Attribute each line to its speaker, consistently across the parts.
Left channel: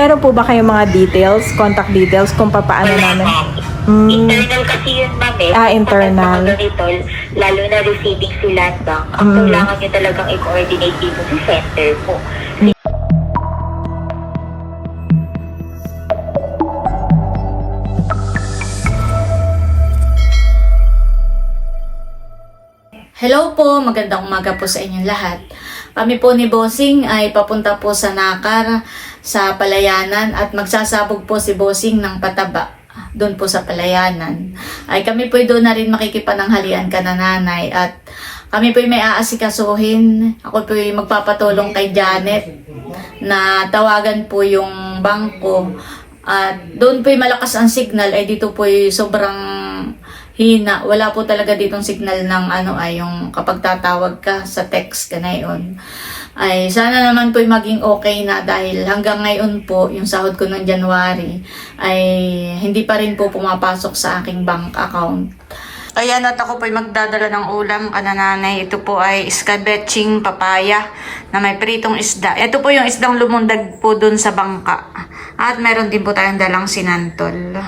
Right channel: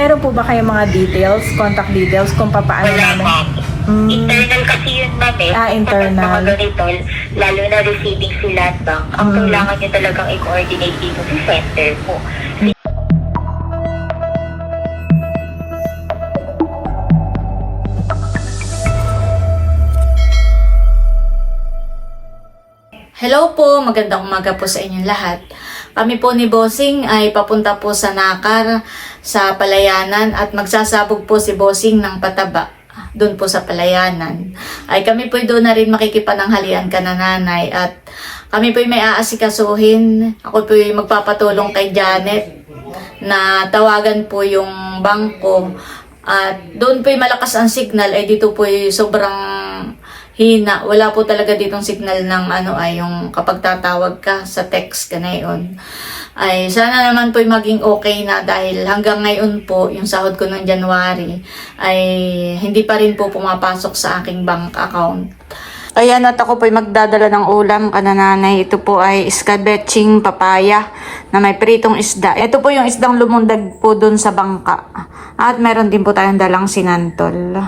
Speaker 1: meron po ba kayong mga details, contact details kung paano
Speaker 2: Wala,
Speaker 1: namin?
Speaker 2: ma'am.
Speaker 1: Mm.
Speaker 2: Internal kasi yun, ma'am, eh.
Speaker 1: Ah, internal.
Speaker 2: Kapag mga ganito, lalo na receiving si Land Bank, ang
Speaker 1: Mm.
Speaker 2: kailangan nyo talagang i-coordinate dito sa center po.
Speaker 3: Hello po, magandang umaga po sa inyong lahat. Kami po ni Bossing ay papunta po sa Nakar sa Palayanan at magsasabog po si Bossing ng pataba doon po sa Palayanan. Ay kami po doon na rin makikipananghalian ka na nanay at kami po may aasikasuhin. Ako po magpapatulong kay Janet na tawagan po yung bangko at doon po malakas ang signal ay dito po sobrang hina. Wala po talaga ditong signal ng ano ay yung kapag tatawag ka sa text ka na yun. Ay sana naman po maging okay na dahil hanggang ngayon po yung sahod ko ng January ay hindi pa rin po pumapasok sa aking bank account. Ayan at ako po magdadala ng ulam kanananay. Ito po ay iskabetsing papaya na may pritong isda. Ito po yung isdang lumundag po dun sa bangka. At meron din po tayong dalang sinantol.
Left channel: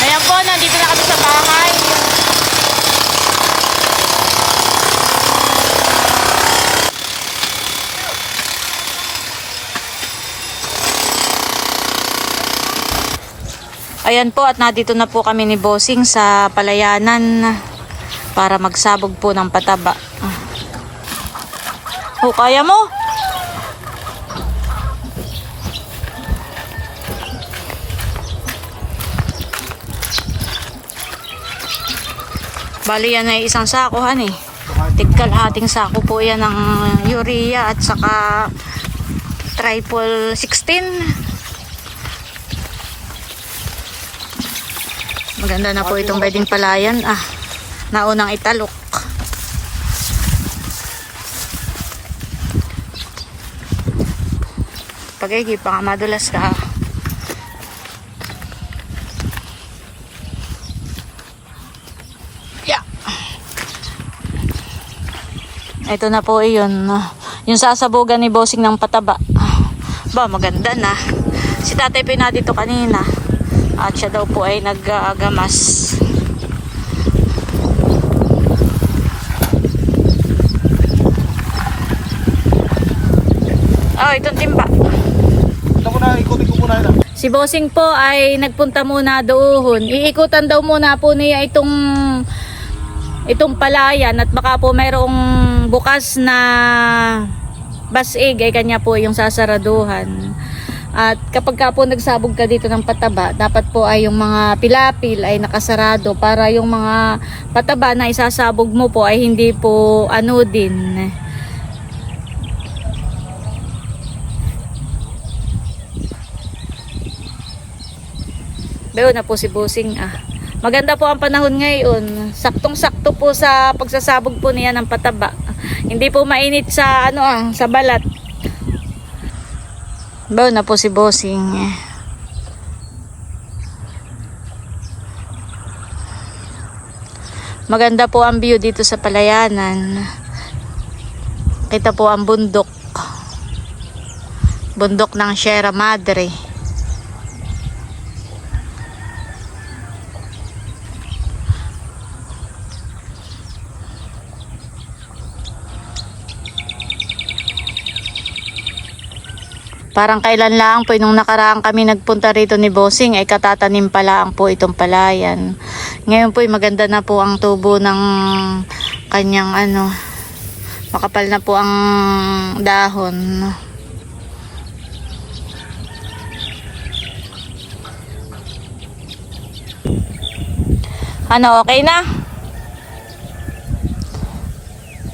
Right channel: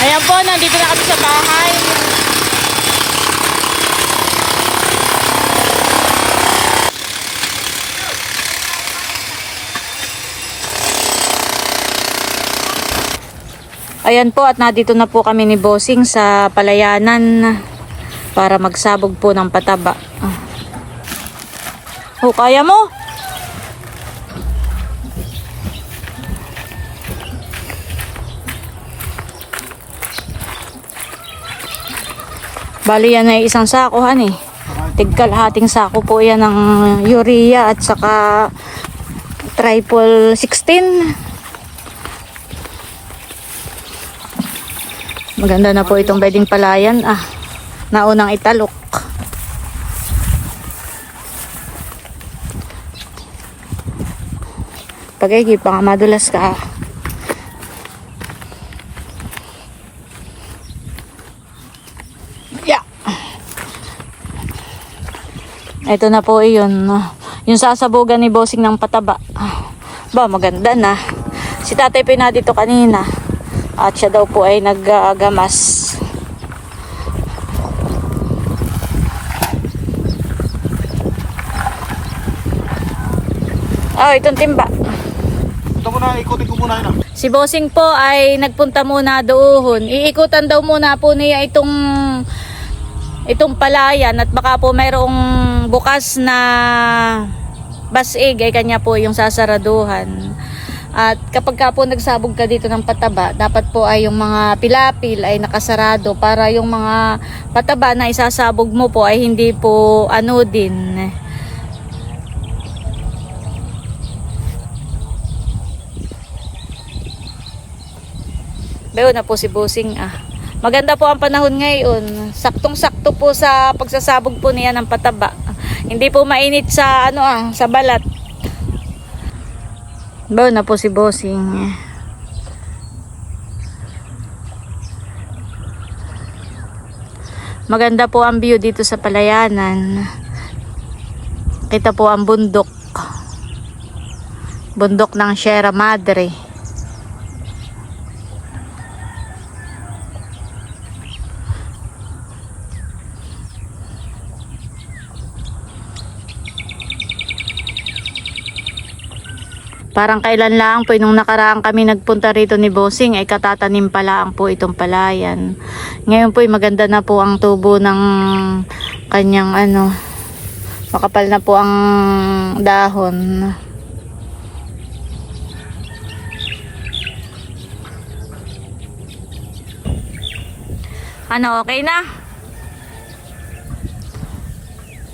Speaker 3: Ayan po, nandito na kami sa bahay. Ayan po at nandito na po kami ni Bossing sa palayanan para magsabog po ng pataba. Ah. Oh, kaya mo? Bali yan ay isang sako han eh. Tigkalahating sako po yan ng urea at saka triple 16. Maganda na po itong pwedeng palayan. Ah, naunang italok. Pagay, pa nga madulas ka. Yeah. Ito na po yun. Yung sasabugan ni Bossing ng pataba. Ba, maganda na. Si tatay pina dito kanina. At siya daw po ay naggagamas. Oh, itong timba.
Speaker 4: Ito ko na, ikutin ko muna yun ah.
Speaker 3: Si Bossing po ay nagpunta muna doon. Iikutan daw muna po niya itong itong palayan at baka po mayroong bukas na basig ay kanya po yung sasaraduhan. At kapag ka po nagsabog ka dito ng pataba, dapat po ay yung mga pilapil ay nakasarado para yung mga pataba na isasabog mo po ay hindi po ano din. Bayo na po si Busing ah. Maganda po ang panahon ngayon. Saktong-sakto po sa pagsasabog po niya ng pataba. Hindi po mainit sa ano ah, sa balat. Bayo na po si Bossing. Maganda po ang view dito sa palayanan. Kita po ang bundok. Bundok ng Sierra Madre. Parang kailan lang po nung nakaraan kami nagpunta rito ni Bossing ay katatanim pa lang po itong palayan. Ngayon po ay maganda na po ang tubo ng kanyang ano makapal na po ang dahon. Ano, okay na?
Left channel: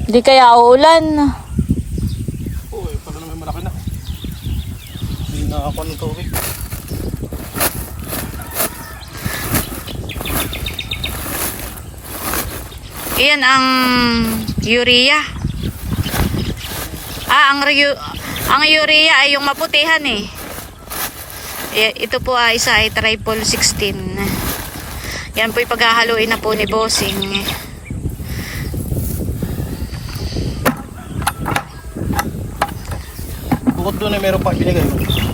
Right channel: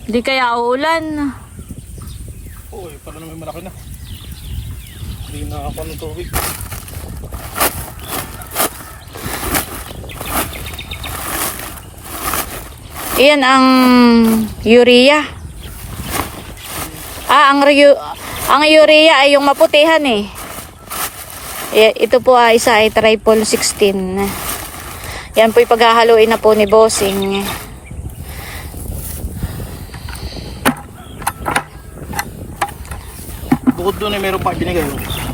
Speaker 3: Di kaya uulan.
Speaker 4: Oo, eh, pala naman malaki na. Hindi na ako ng tubig.
Speaker 3: Iyan ang urea. Ah, ang ang urea ay yung maputihan eh. Ito po ay isa ay triple 16. Yan po ipaghahaluin na po ni Bossing.
Speaker 4: Bukod doon ay meron pa binigay mo.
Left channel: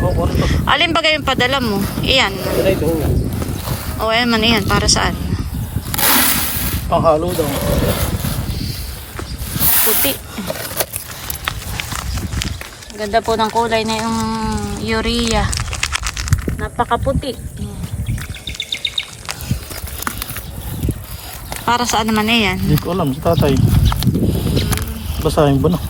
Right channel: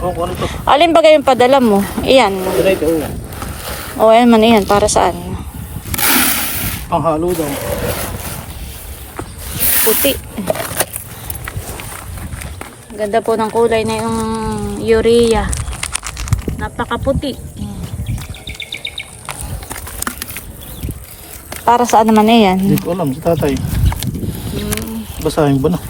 Speaker 4: Oo, ano to?
Speaker 3: Alin ba yung padala mo? Iyan.
Speaker 4: Direct, oo.
Speaker 3: O, ayan man, iyan. Para saan?
Speaker 4: Ang halo daw.
Speaker 3: Puti. Ganda po ng kulay na yung urea. Napakaputi. Para saan naman iyan?
Speaker 4: Hindi ko alam, si tatay. Basahin ba na?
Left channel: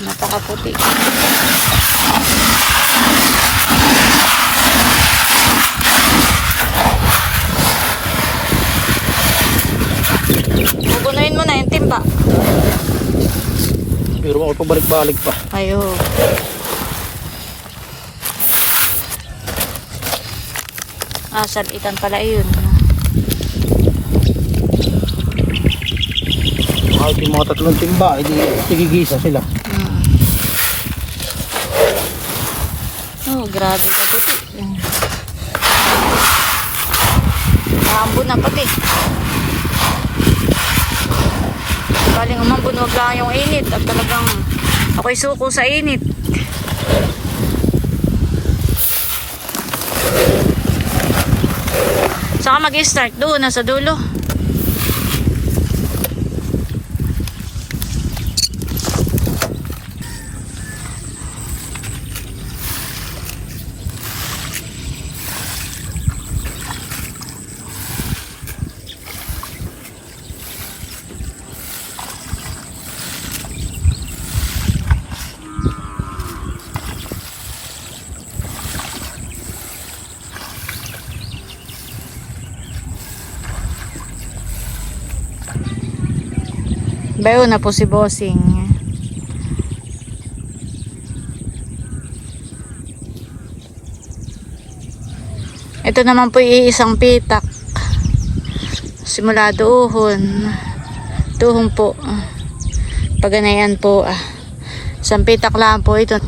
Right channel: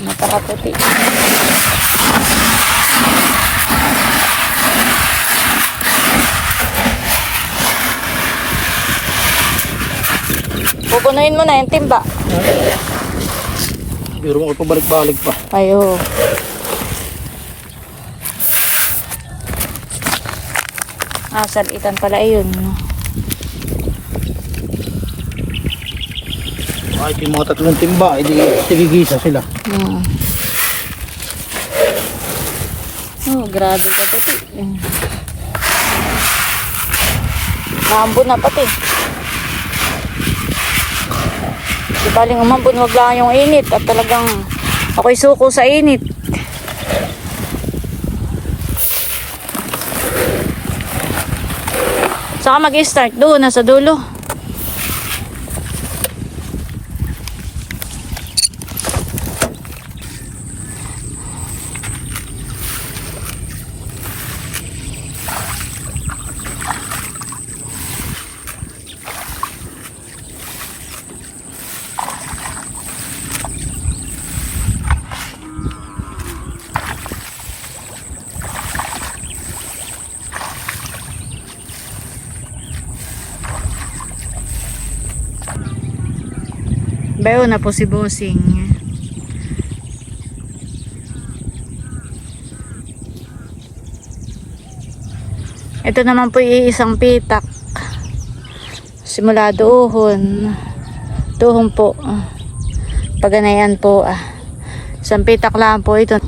Speaker 3: Napakaputi. Pupunuin mo na yung timba.
Speaker 4: Pero ako pabalik-balik pa.
Speaker 3: Ayo. Ah, salitan pala yun.
Speaker 4: Kahit yung mga tatlong timba, hindi tigigisa sila.
Speaker 3: Hmm. Oh, grabe ka puti. Maambon na pati. Di baling umambon, wag lang yung init. At talagang ako'y suko sa init. Saka mag-start doon, nasa dulo. Bayo na po si Bossing. Ito naman po iisang pitak. Simula doon. Tuhong po. Paganayan po. Ah. Isang pitak lang po ito.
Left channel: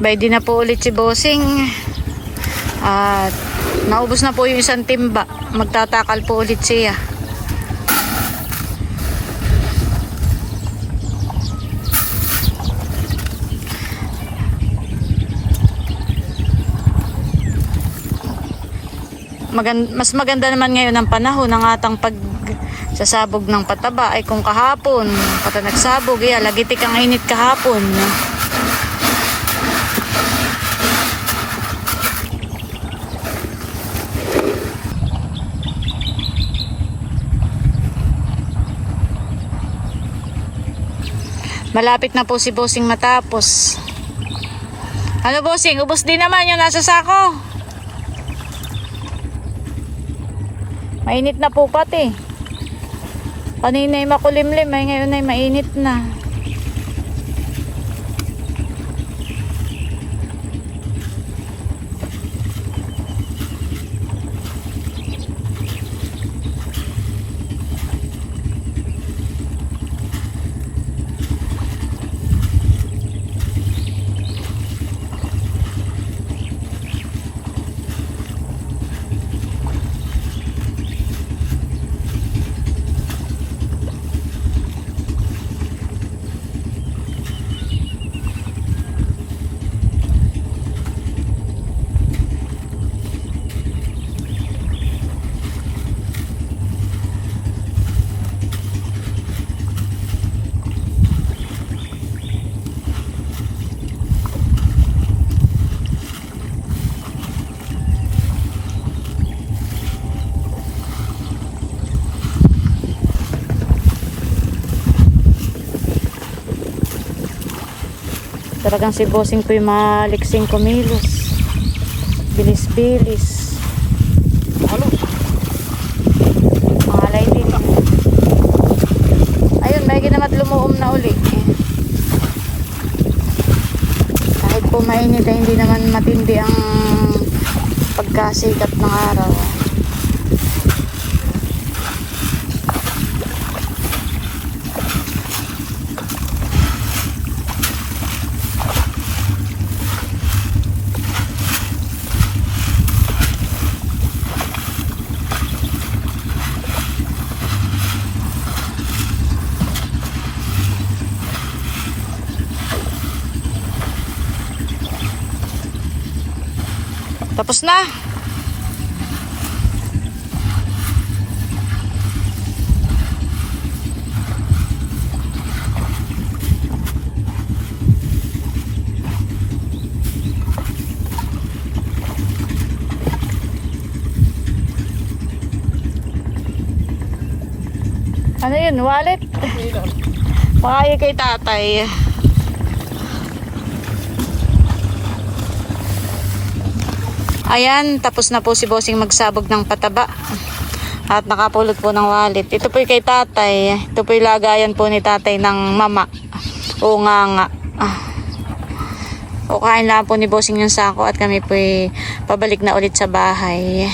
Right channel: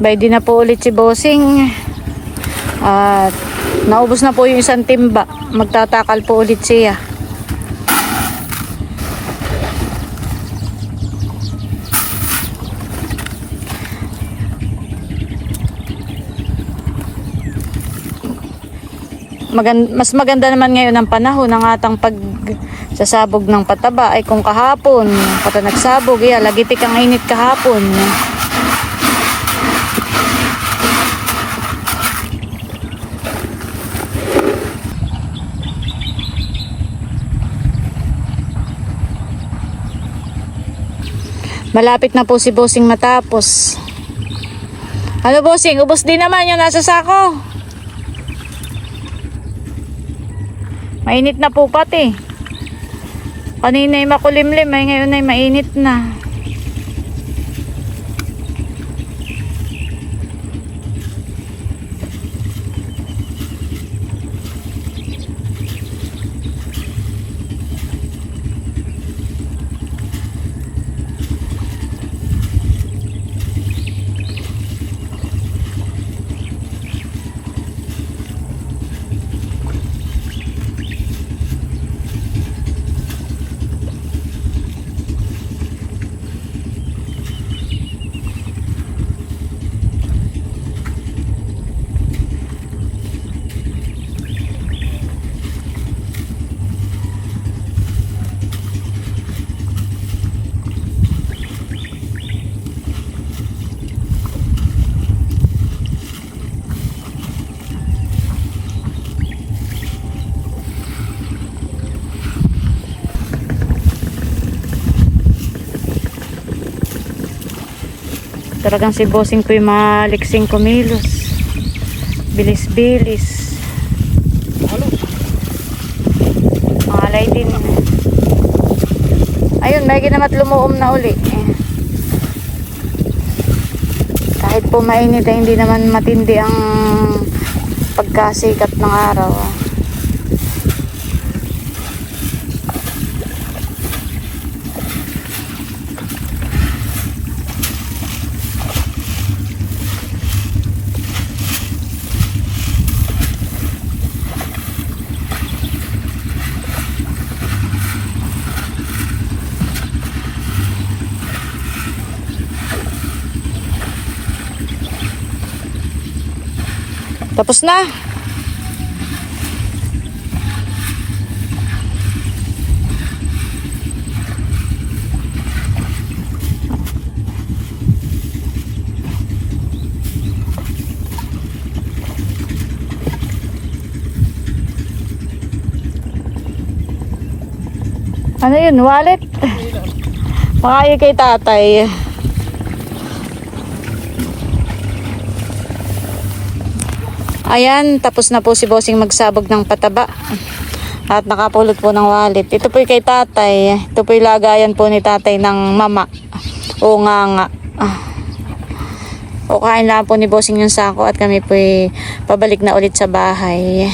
Speaker 3: Bay di na po ulit si Bossing. At naubos na po yung isang timba. Magtatakal po ulit siya. Magan- mas maganda naman ngayon ang panahon ng atang pag sasabog ng pataba ay kung kahapon pata nagsabog yeah, lagitik ang init kahapon Malapit na po si Bossing matapos. Ano Bossing? Ubos din naman yung nasa sako. Mainit na po pati. Kanina ay makulimlim ay ngayon ay mainit na. Talagang si Bossing yung maliksing kumilos. Bilis-bilis. Malay din. Ayun, may ginamat lumuom na uli. Kahit po mainit hindi naman matindi ang pagkasikat ng araw. Tapos na. Ano yun? Wallet? Makaya kay tatay. Ayan, tapos na po si Bossing magsabog ng pataba. At nakapulot po ng wallet. Ito po kay tatay. Ito po lagayan po ni tatay ng mama. O nga nga. O kain lang po ni Bossing yung sako at kami po pabalik na ulit sa bahay.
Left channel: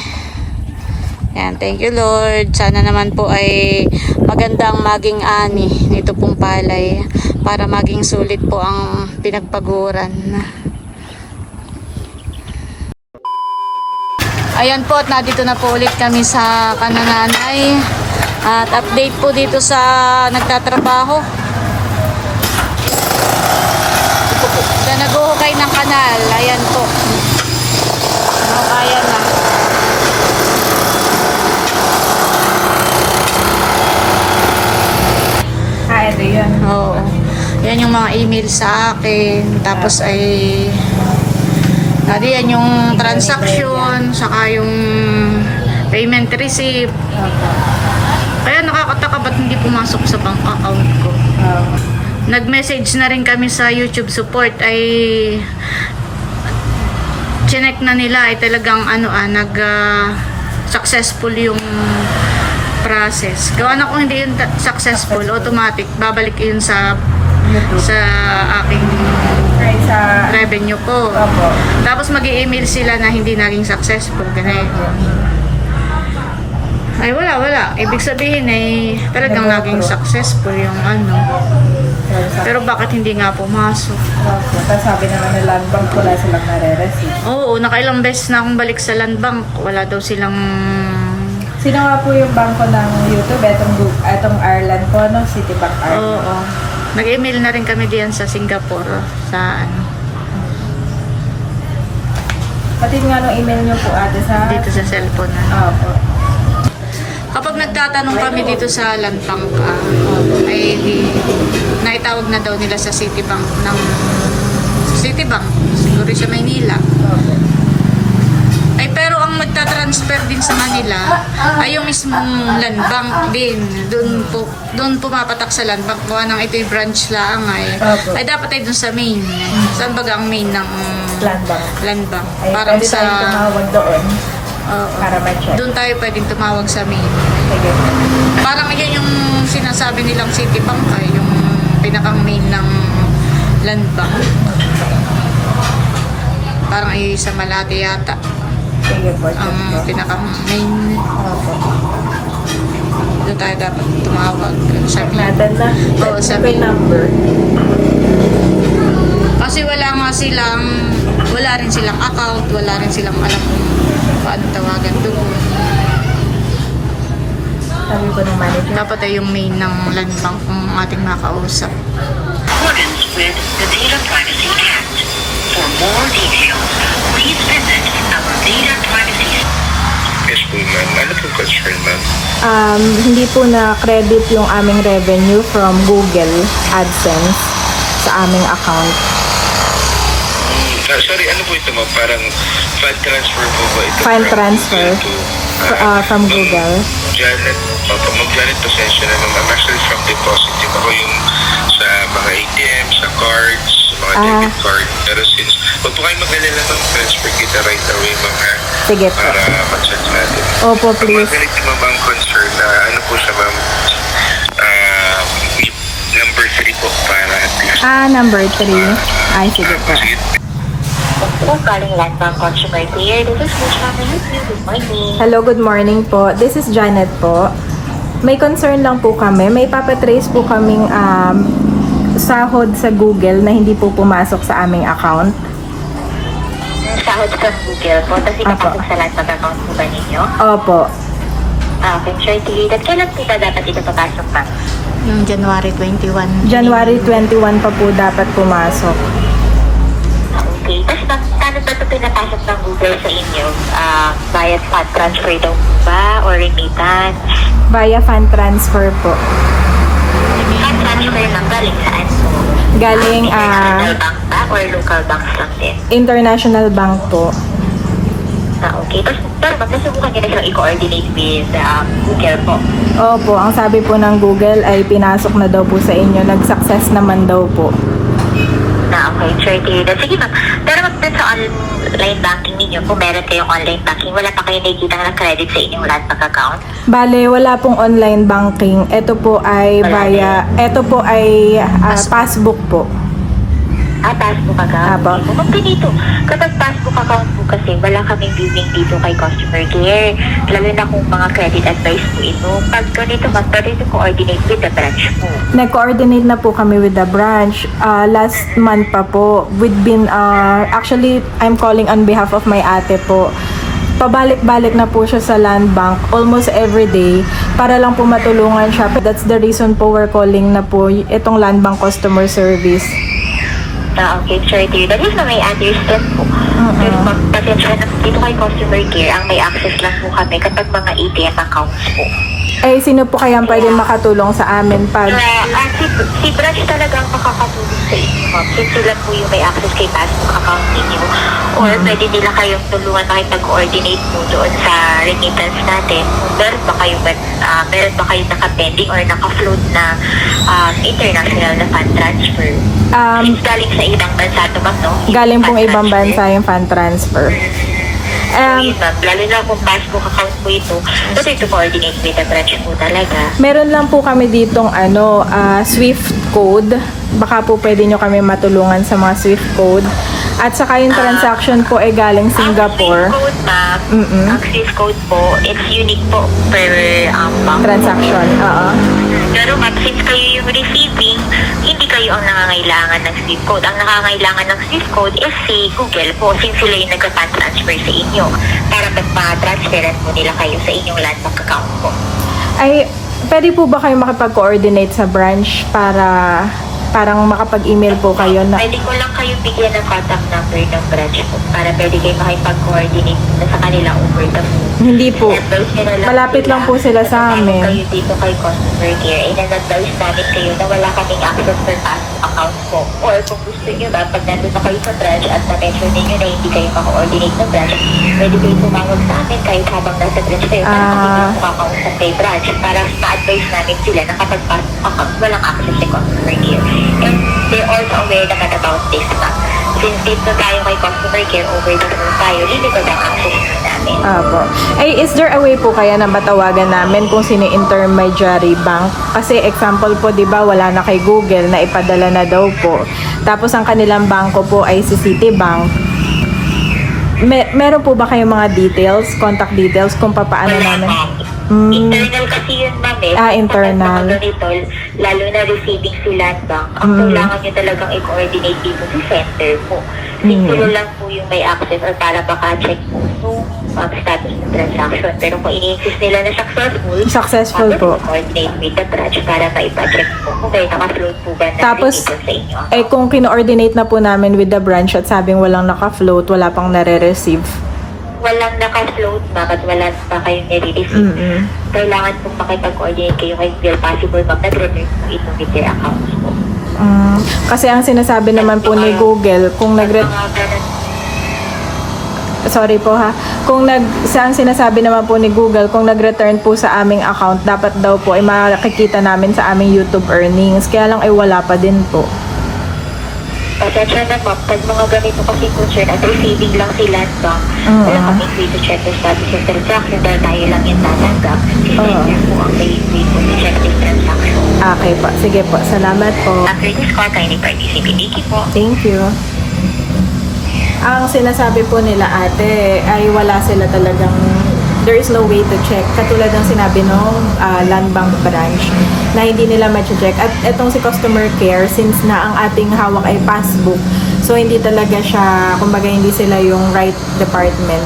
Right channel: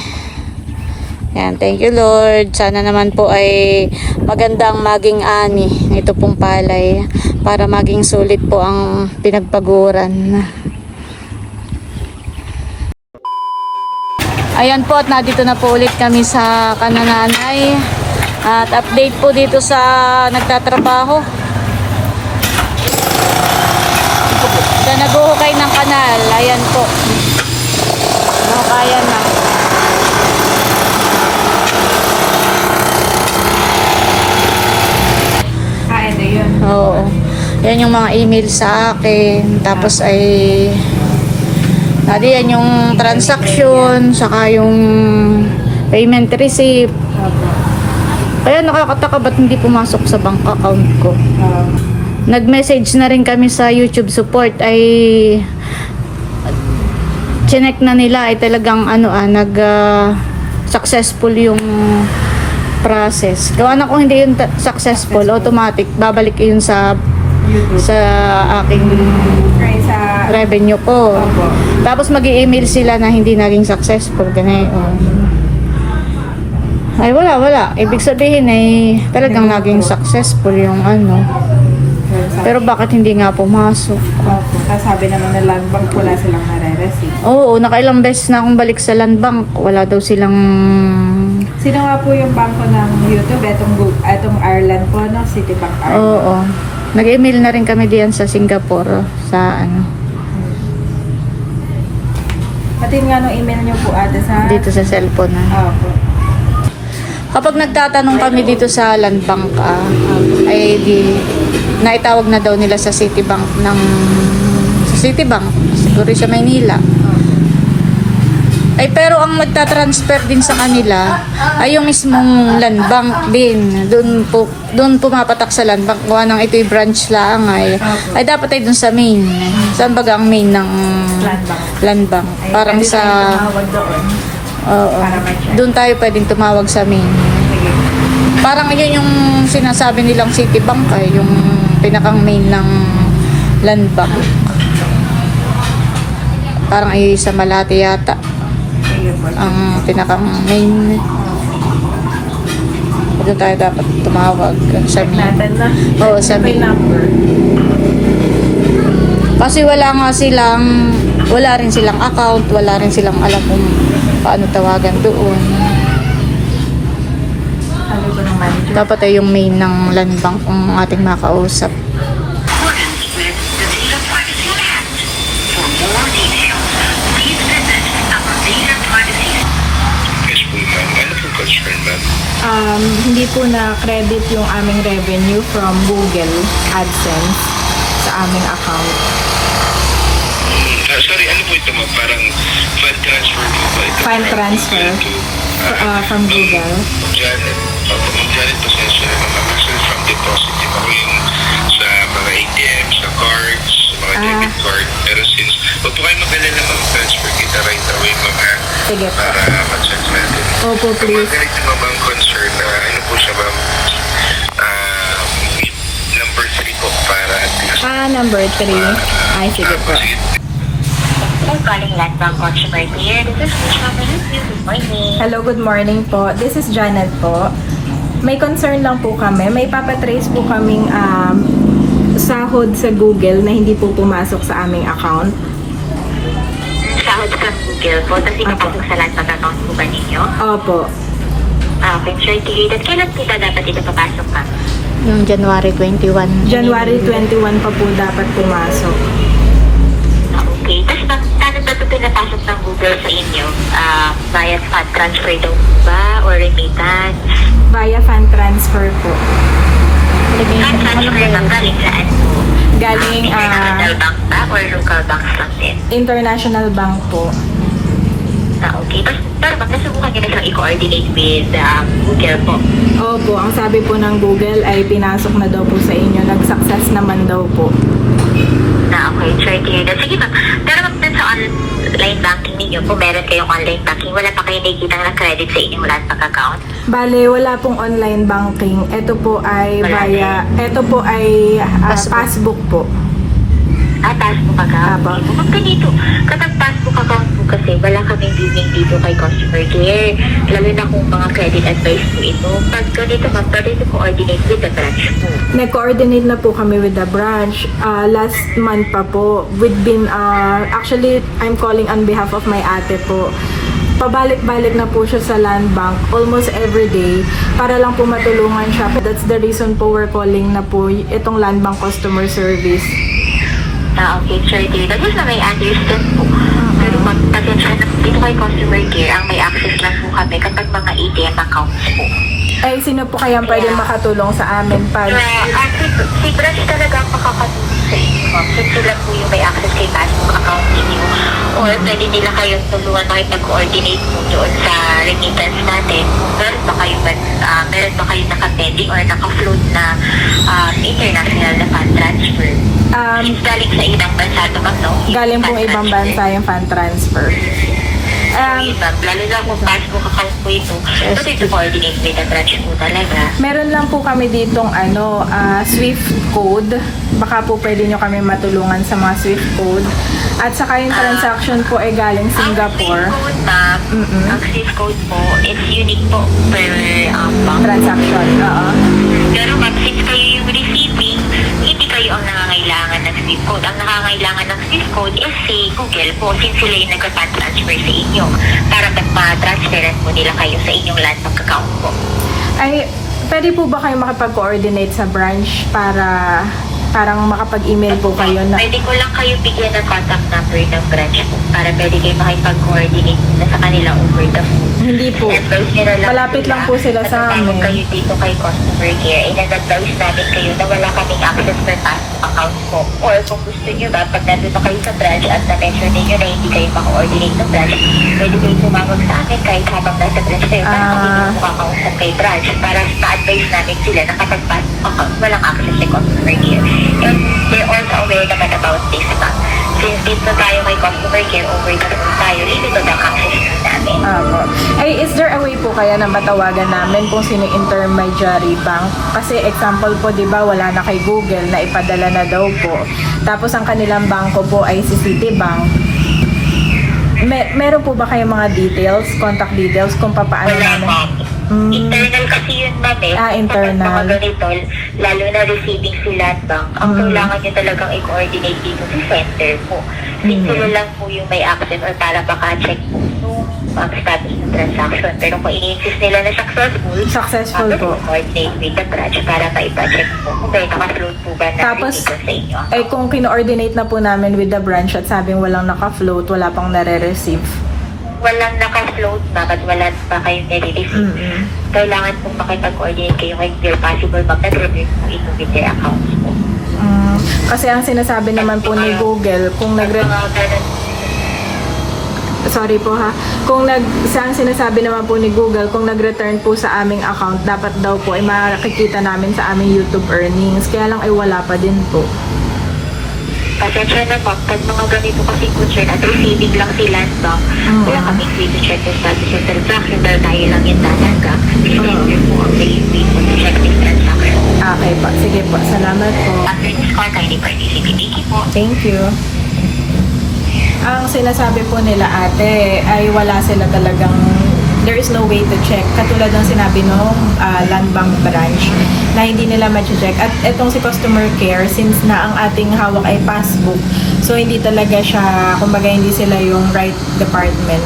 Speaker 3: Yan, thank you Lord. Sana naman po ay magandang maging ani ito pong palay para maging sulit po ang pinagpaguran. Ayan po at nandito na po ulit kami sa kanananay. At update po dito sa nagtatrabaho. Sa naguhukay ng kanal. Ayan po. No, kaya na.
Speaker 1: Kain na yun.
Speaker 3: Oo. Yan yung mga email sa akin. Tapos ay Nadi yan yung transaction, saka yung payment receipt.
Speaker 1: Opo.
Speaker 3: Kaya nakakataka ba't hindi pumasok sa bank account ko. Nag-message na rin kami sa YouTube support ay chinek na nila ay talagang ano ah, nag ah, successful yung process. Gawa na kung hindi yun successful, automatic babalik yun sa
Speaker 1: YouTube.
Speaker 3: sa aking. Revenue ko.
Speaker 1: Opo.
Speaker 3: Tapos mag email sila na hindi naging successful. Ganun. Ay, wala, wala. Ibig sabihin ay talagang naging successful yung ano. Pero bakit hindi nga pumasok?
Speaker 1: Opo. Tapos sabi naman ng land bank, wala silang nare-receive.
Speaker 3: Oo, nakailang beses na akong balik sa land bank. Wala daw silang...
Speaker 1: Sino nga po yung bangko ng YouTube? Etong, Gu- etong Ireland po, no? Citibank Ireland.
Speaker 3: Oo. Nag-email na rin kami diyan sa Singapore. Sa ano,
Speaker 1: Pati nga nung email nyo po ate sa...
Speaker 3: dito sa cellphone.
Speaker 1: Opo.
Speaker 3: Kapag nagtatanong kami dito sa land bank, ah, ay di, naitawag na daw nila sa Citibank ng Citibank, siguro sa Maynila. Ay pero ang magta-transfer din sa kanila ay yung mismong land bank din. Doon po doon pumapatak sa land bank gawa ng ito yung branch lang ay. Ay dapat ay dun sa main. Saan baga ang main ng
Speaker 1: Land bank.
Speaker 3: land bank?
Speaker 1: Ay,
Speaker 3: Parang sa
Speaker 1: doon.
Speaker 3: Oo. Doon tayo pwedeng tumawag sa main.
Speaker 1: Sige.
Speaker 3: Parang yun yung sinasabi nilang Citibank ay yung pinakang main ng land bank. Parang ay sa Malate yata. Ang pinakang main. Doon tayo dapat tumawag sa. Oo, sa
Speaker 1: yung number.
Speaker 3: Kasi wala nga silang, wala rin silang account, wala rin silang alam kung paano tawagan doon. Dapat ay yung main ng land bank ang ating makausap.
Speaker 5: accordance with the Data Privacy Act. For more details, please visit our data privacy
Speaker 6: Yes po ma'am. Ano po concern ma'am?
Speaker 1: Um, hindi po na-credit yung aming revenue from Google AdSense sa aming account.
Speaker 6: Ah, sorry, ano po ito ma'am? Parang fund transfer po ba ito?
Speaker 1: Fund transfer
Speaker 6: to,
Speaker 1: uh,
Speaker 6: ah,
Speaker 1: from Google.
Speaker 6: Janet, okay, ma'am Janet, pasensya na. I'm actually from deposit. Ako yung sa mga ATM, sa cards, mga
Speaker 1: Ah.
Speaker 6: debit card. Pero since, huwag po kayo mag-alala mag-transfer kita right away, ha?
Speaker 1: Sige po.
Speaker 6: Para mag-check natin.
Speaker 1: Opo,
Speaker 6: Ang
Speaker 1: please.
Speaker 6: magalit mo bang concern na ano po siya, ma'am? Ah, with number 3 po para at least.
Speaker 1: Ah, number 3. Ay, sige po.
Speaker 6: Sige.
Speaker 2: For calling Landbank Consumer Care. This is Mama Lucy. Good morning.
Speaker 1: Hello, good morning po. This is Janet po. May concern lang po kami. May papatrace po kaming um, sahod sa Google na hindi po pumasok sa aming account.
Speaker 2: Google po. Tapos ipapasok sa Landbank account po ba ninyo?
Speaker 1: Opo.
Speaker 2: Ah, to hear that. Kailan po ba dapat ito papasok, ma'am?
Speaker 3: Yung January 21.
Speaker 1: January 21 pa po dapat pumasok.
Speaker 2: Okay. Tapos ma'am, paano ba ito pinapasok ng Google sa inyo? Ah, via fund transfer daw po ba? Or remittance?
Speaker 1: Via fund transfer po.
Speaker 2: Fund transfer ng galing saan?
Speaker 1: Galing
Speaker 2: International
Speaker 1: ah,
Speaker 2: bank ba? Or local banks lang din?
Speaker 1: international bank po.
Speaker 2: Ah, okay. Tapos, pero ba't nasubukan nyo na siyang i-coordinate with um, Google po?
Speaker 1: Opo, ang sabi po ng Google ay pinasok na daw po sa inyo. Nag-success naman daw po.
Speaker 2: Na okay, sure to hear that. Sige ma'am. Pero dun sa online banking ninyo, kung meron kayong online banking, wala pa kayo nakikita ng credit sa inyong landbank account?
Speaker 1: Bale, wala pong online banking. Ito po ay via, ito po ay ah, passbook po.
Speaker 2: Ah, passbook account.
Speaker 1: Apo.
Speaker 2: Dito. Ma'am, ganito. Kapag passbook kasi, wala kaming billing dito kay customer care. Lalo na kung mga credit advice po ito. Pag ganito, ma'am, pwede ito coordinate with the branch po.
Speaker 1: Nag-coordinate na po kami with the branch. Ah, last month pa po. We've been, ah, actually, I'm calling on behalf of my ate po. Pabalik-balik na po siya sa land bank almost every day para lang po matulungan siya. That's the reason po we're calling na po itong land bank customer service.
Speaker 2: Ah, okay, sure to hear that. Yes, ma'am, I understand po. Na dito kay customer care, ang may access lang po kami kapag mga ATM accounts po.
Speaker 1: Eh, sino po kaya pwede makatulong sa amin pag...
Speaker 2: Kaya, ah, si, si branch talaga ang makakatulong sa inyo, ma'am. Since sila po yung may access kay passbook account ninyo. Or pwede nila kayong tulungan makipag-coordinate po doon sa remittance natin. Kung meron ba kayo ba, ah, meron ba kayo naka-pending or naka-float na um, international na fund transfer?
Speaker 1: Um,
Speaker 2: Since galing sa ibang bansa to ba, no?
Speaker 1: Galing pong ibang bansa yung fund transfer. Um.
Speaker 2: Lalo na kung passbook account po ito, pwede to coordinate with the branch po talaga.
Speaker 1: Meron lang po kami ditong ano, ah, Swift code. Baka po pwede nyo kami matulungan sa mga Swift code. At saka yung transaction po ay galing Singapore.
Speaker 2: Ang code, ma'am,
Speaker 1: Mm-mm.
Speaker 2: ang Swiss code po, it's unique po per um, bank.
Speaker 1: Transaction. Oo.
Speaker 2: Pero ma'am, since kayo yung receiving, hindi kayo ang nangangailangan ng Swift code. Ang nangangailangan ng Swift code is si Google po, since sila yung nagka-fund transfer sa inyo. Para magpa-transferan po nila kayo sa inyong landbank account po.
Speaker 1: Ay, pwede po ba kayo makipag-coordinate sa branch para parang makapag-email po kayo na
Speaker 2: Pwede ko lang kayo bigyan ng contact number ng branch po para pwede kayo makipag-coordinate na sa kanila over the phone.
Speaker 1: hindi po.
Speaker 2: lang
Speaker 1: Malapit lang po sila sa amin.
Speaker 2: kayo dito kay customer care, in-advise namin kayo na wala kaming access per passbook account po. Or kung gusto nyo ba, pag nandun na kayo sa branch at na-mention ninyo na hindi kayo maka-coordinate ng branch, pwede kayo tumawag sa amin kahit habang nasa branch kayo para
Speaker 1: Ah.
Speaker 2: kami yung makakausap kay branch para ma-advise namin sila na kapag passbook account, walang access kay customer care. And they're also aware naman about this pa. Since dito tayo kay customer care, over the phone tayo, limited ang access.
Speaker 1: Opo. Eh, is there a way po kaya na matawagan namin kung sino intermediary bank? Kasi example po, di ba, wala na kay Google na ipadala na daw po. Tapos ang kanilang bangko po ay si Citibank. Me- meron po ba kayong mga details, contact details kung paano namin? Mm.
Speaker 2: Internal kasi yun ma'am eh.
Speaker 1: Ah, internal.
Speaker 2: Kapag mga ganito, lalo na receiving si land bank, ang
Speaker 1: Mm.
Speaker 2: kailangan nyo talagang i-coordinate dito sa center po. Since
Speaker 1: Mm.
Speaker 2: sila lang po yung may access or para maka-check po yung um, status ng transaction. Pero kung i-insist nila na successful,
Speaker 1: Successful po.
Speaker 2: coordinate with the branch para maipa-check po kung kayo naka-float po ba na
Speaker 1: Tapos,
Speaker 2: dito sa inyo.
Speaker 1: Eh, kung kino-ordinate na po namin with the branch at sabing walang naka-float, wala pang nare-receive.
Speaker 2: Walang naka-float na at wala pa kayong nare-receive.
Speaker 1: Mm-mm.
Speaker 2: kailangan pong makipag-coordinate kayo kay Bill Possible Ma'am nag-revert po ito with their accounts po.
Speaker 1: Mm, kasi ang sinasabi naman po ni Google, kung nag
Speaker 2: Mga ganun,
Speaker 1: sorry po ha, kung nag sa ang sinasabi naman po ni Google, kung nag-return po sa aming account, dapat daw po ay makikita namin sa aming YouTube earnings. Kaya lang ay wala pa din po.
Speaker 2: Pasensya na ma'am, pag mga ganito kasi po sir, at receiving lang si Land Bank, wala kaming way to check the status of transaction dahil tayo lang yung tatanggap. Kasi niya po ang may way to check this transaction.
Speaker 1: Okay po. Sige po. Salamat po.
Speaker 2: After this call, kindly participate. Thank you po.
Speaker 1: Thank you. Ang sinasabi po nila ate ay wala sila talagang there is no way to check. Katulad ng sinabi nung ah, land bank branch na hindi nila ma-check. At etong si customer care, since na ang ating hawak ay passbook, so hindi talaga siya, kumbaga hindi sila yung right department.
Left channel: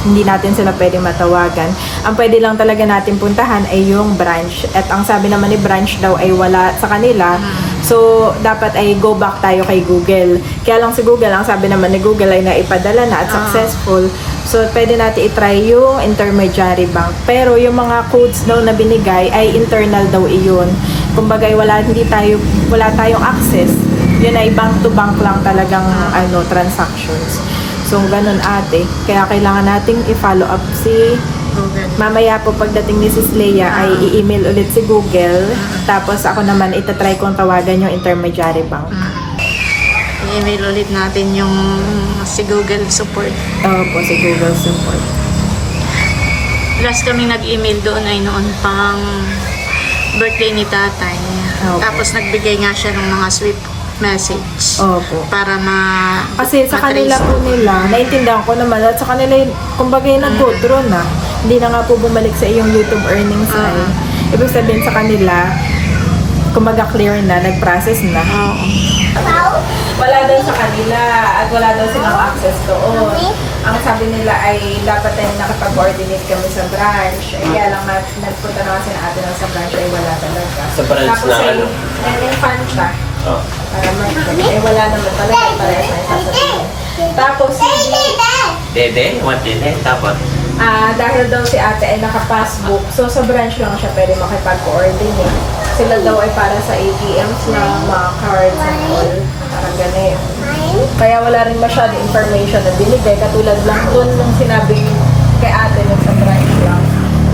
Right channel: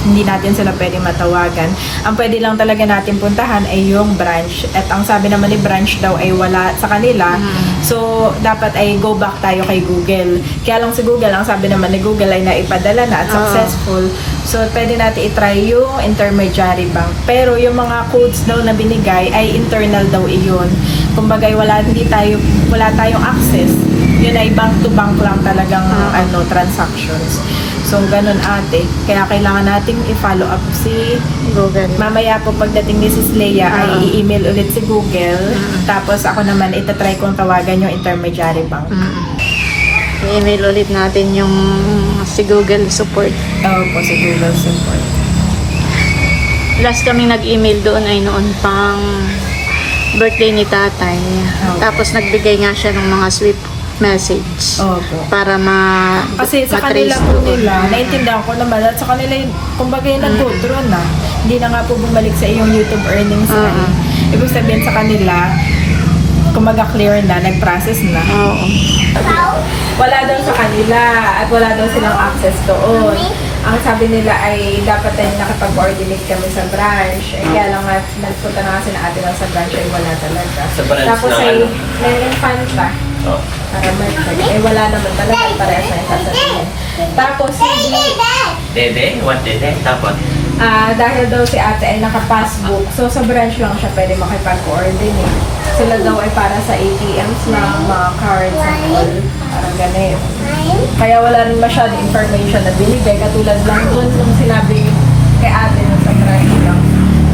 Speaker 1: Hindi natin sila pwede matawagan. Ang pwede lang talaga natin puntahan ay yung branch. At ang sabi naman ni branch daw ay wala sa kanila. So, dapat ay go back tayo kay Google. Kaya lang si Google, ang sabi naman ni Google ay naipadala na at successful. So, pwede natin itry yung intermediary bank. Pero yung mga codes daw na binigay ay internal daw iyon. Kumbaga, wala, hindi tayo, wala tayong access. Yun ay bank to bank lang talagang ano, transactions. So, ganun ate. Kaya kailangan nating i-follow up si
Speaker 3: Google.
Speaker 1: Mamaya po pagdating ni Sis Leia ay i-email ulit si Google. Tapos ako naman itatry kong tawagan yung intermediary bank.
Speaker 3: I-email ulit natin yung si Google support.
Speaker 1: Oo po si Google support.
Speaker 3: Last kami nag-email doon ay noon pang birthday ni tatay.
Speaker 1: Okay.
Speaker 3: Tapos nagbigay nga siya ng mga sweet message
Speaker 1: Opo.
Speaker 3: para ma
Speaker 1: Kasi sa kanila po nila, naintindihan ko naman at sa kanila, yun, kumbaga yung nag-go through na. Hindi na nga po bumalik sa iyong YouTube earnings na. Eh. Ibig sabihin sa kanila, kumbaga clear na, nag-process na.
Speaker 3: Oo.
Speaker 1: Wala daw sa kanila at wala daw silang access doon. Ang sabi nila ay dapat tayo nakapag-coordinate kami sa branch. Eh, kaya lang nga, nagpunta na kasi na ate lang sa branch ay wala talaga.
Speaker 7: Sa branch
Speaker 1: Tapos
Speaker 7: na
Speaker 1: ay,
Speaker 7: ano?
Speaker 1: nag-refund siya.
Speaker 7: Oh.
Speaker 1: Para may Eh, wala naman talaga. Parehas na yung sasabihin. Tapos, hindi,
Speaker 7: Dede? What dede? Tapos?
Speaker 1: Ah, dahil daw si ate ay naka-passbook, so sa branch lang siya pwede makipag-coordinate. Sila daw ay para sa ATMs lang, mga cards and all. Parang ganun. Kaya wala rin masyado information na binigay. Katulad lang doon nung sinabi kay ate nun sa branch lang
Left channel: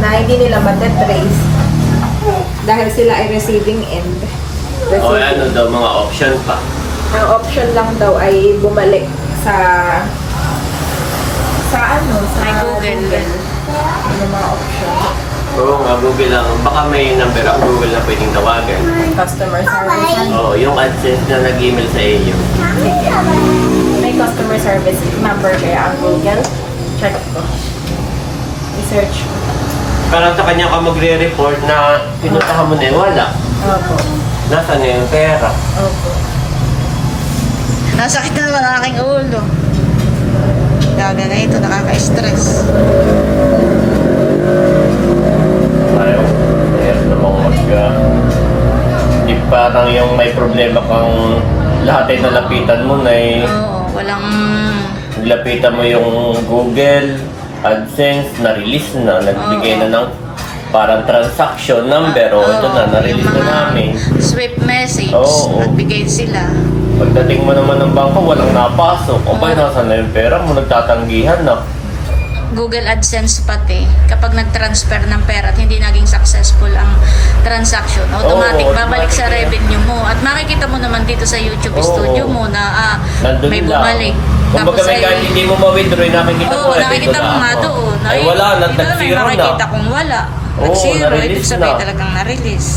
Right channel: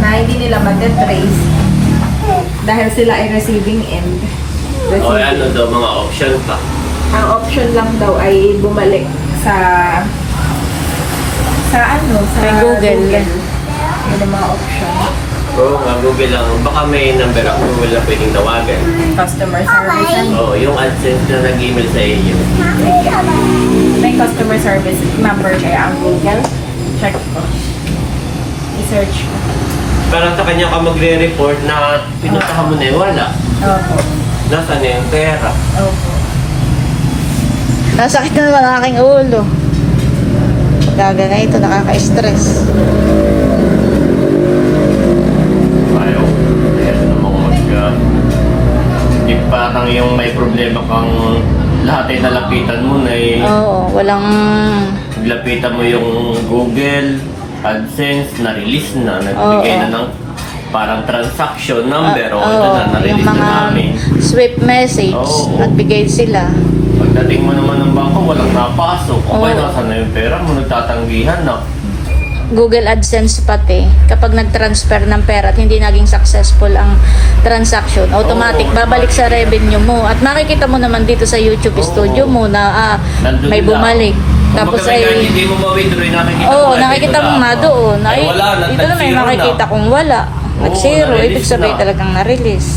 Speaker 1: na hindi nila matatrace dahil sila ay receiving end.
Speaker 7: O ano
Speaker 1: Receiving.
Speaker 7: daw mga option pa?
Speaker 1: Ang option lang daw ay bumalik sa sa ano, sa
Speaker 3: Google.
Speaker 1: Google. Yun ang mga option.
Speaker 7: Oo nga, Google lang. Baka may number ang Google na pwedeng tawagan.
Speaker 1: Customer service. ano?
Speaker 7: Oo, yung AdSense na nag-email sa inyo.
Speaker 1: May customer service number kaya ang Google. Check ko. I-search ko.
Speaker 7: Parang sa kanya ka magre-report na pinuntahan mo na yung wala.
Speaker 1: Opo.
Speaker 7: Nasaan na yung pera?
Speaker 1: Opo.
Speaker 3: Nasakit na naman ang aking ulo. Gaga na ito, nakaka-stress.
Speaker 7: Ayaw. Meron Uh, yung parang yung may problema kang lahat ay nalapitan mo na eh.
Speaker 3: Oo, walang...
Speaker 7: Lapitan mo yung Google, AdSense, na-release na, nagbigay na ng parang transaction number o ito
Speaker 3: Oo,
Speaker 7: na, na-release
Speaker 3: yung
Speaker 7: na
Speaker 3: mga
Speaker 7: namin.
Speaker 3: swift message,
Speaker 7: Oo.
Speaker 3: nagbigay sila.
Speaker 7: Pagdating mo naman ng bangko, walang napasok. O ba,
Speaker 3: Oo.
Speaker 7: nasa na yung pera mo, nagtatanggihan na.
Speaker 3: Google AdSense pati, kapag nag-transfer ng pera at hindi naging successful ang transaction, automatic
Speaker 7: Oo,
Speaker 3: babalik sa
Speaker 7: automatic.
Speaker 3: revenue mo. At makikita mo naman dito sa YouTube
Speaker 7: Oo.
Speaker 3: studio mo na ah,
Speaker 7: Nandun
Speaker 3: may
Speaker 7: lang.
Speaker 3: bumalik.
Speaker 7: Tapos
Speaker 3: Tapos
Speaker 7: ay... Kahit hindi mo ma-withdraw, nakikita
Speaker 3: Oo,
Speaker 7: mo. ay,
Speaker 3: nakikita
Speaker 7: dito
Speaker 3: mo
Speaker 7: na
Speaker 3: nga
Speaker 7: ako.
Speaker 3: doon.
Speaker 7: Ay, wala, nag
Speaker 3: dito na may
Speaker 7: nag-zero
Speaker 3: makikita
Speaker 7: na.
Speaker 3: kung wala. Nag-zero,
Speaker 7: na-release
Speaker 3: ibig sabihin
Speaker 7: na.
Speaker 3: talagang na-release.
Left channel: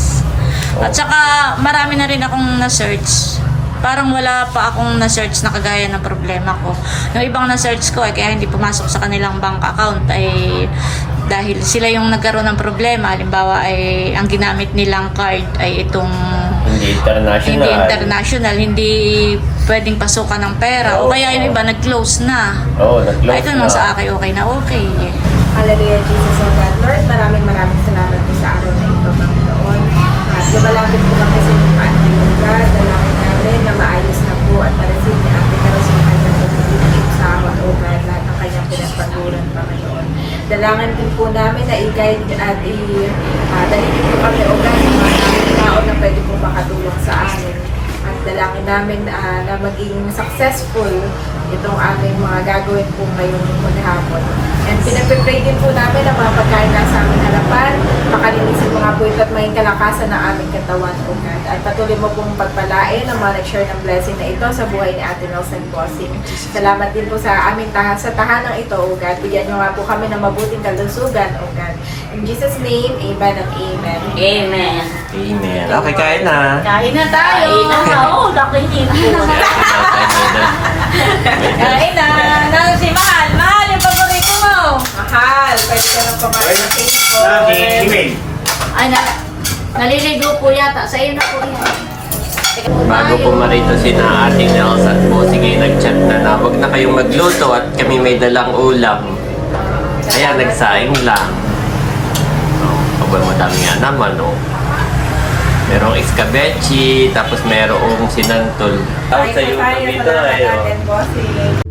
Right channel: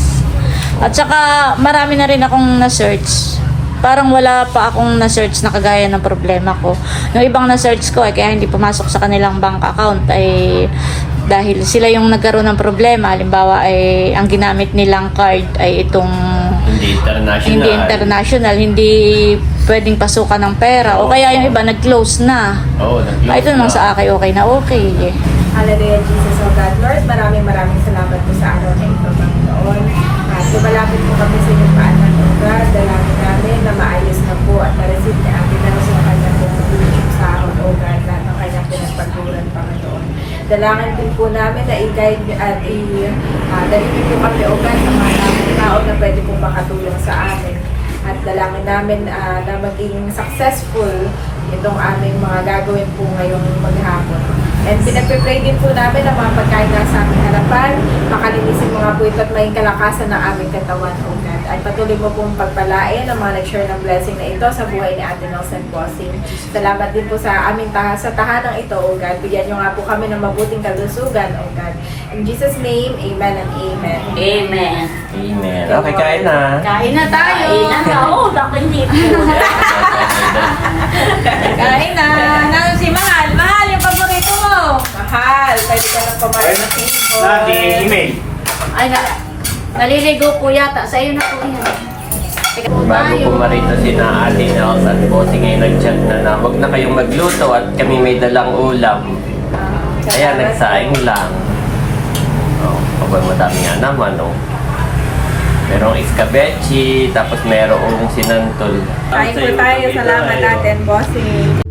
Speaker 3: At saka marami na rin akong na-search. Parang wala pa akong na-search na kagaya ng problema ko. Yung ibang na-search ko ay kaya hindi pumasok sa kanilang bank account ay dahil sila yung nagkaroon ng problema. Halimbawa ay ang ginamit nilang card ay itong
Speaker 7: Hindi international.
Speaker 3: hindi international, hindi pwedeng pasukan ng pera. O
Speaker 7: Oo.
Speaker 3: kaya yung iba nag-close na.
Speaker 7: Oo, nag-close
Speaker 3: Ay, ito naman
Speaker 7: na.
Speaker 3: sa akin, okay na okay. eh.
Speaker 1: Hallelujah, Jesus, O God. Lord, maraming maraming salamat po sa araw na ito, Panginoon. At lumalapit po kami sa inyong paanan, O God. Dalangin na maayos na po at ma-receive ni Ate Darcy ang kanyang pagpipilip sa amin, O God, lahat ng kanyang pinagpaguran, Panginoon. Dalangin din po namin na i-guide at i-dalhin po kami, God, sa mga tao na pwede pong makatulong sa amin. At dalangin namin ah, na maging successful itong aming mga gagawin po ngayong maghapon. And pinagpipray din po namin ang mga pagkain na sa aming harapan. Makalinisin mga po at maging kalakasan ng aming katawan, O God. At patuloy mo pong pagpalain ang mga nag-share ng blessing na ito sa buhay ni Ate Nelson Bossing. Salamat din po sa aming taha sa tahanang ito, O God. Bigyan niyo nga po kami ng mabuting kalusugan, O God. In Jesus' name, Amen and Amen.
Speaker 3: Amen.
Speaker 7: Amen. Okay, kain na.
Speaker 3: Kain na tayo. Kain na Oo, nakinig Kain na. Nang si Mahal. Mahal, yung paborito mo.
Speaker 1: Mahal, pwede ka nang kumain na table.
Speaker 3: Ay, na, naliligo po yata. Sa iyo na po yan.
Speaker 7: Bago po marito si na ating Nels at Bossing ay nag-chat na na huwag na kayong magluto at kami may dalang ulam. Kaya nagsaing lang. Oh, pabay madami nga naman, oh. Merong iskabechi, tapos merong sinantol.
Speaker 1: Kain tayo. Salamat natin, bossing.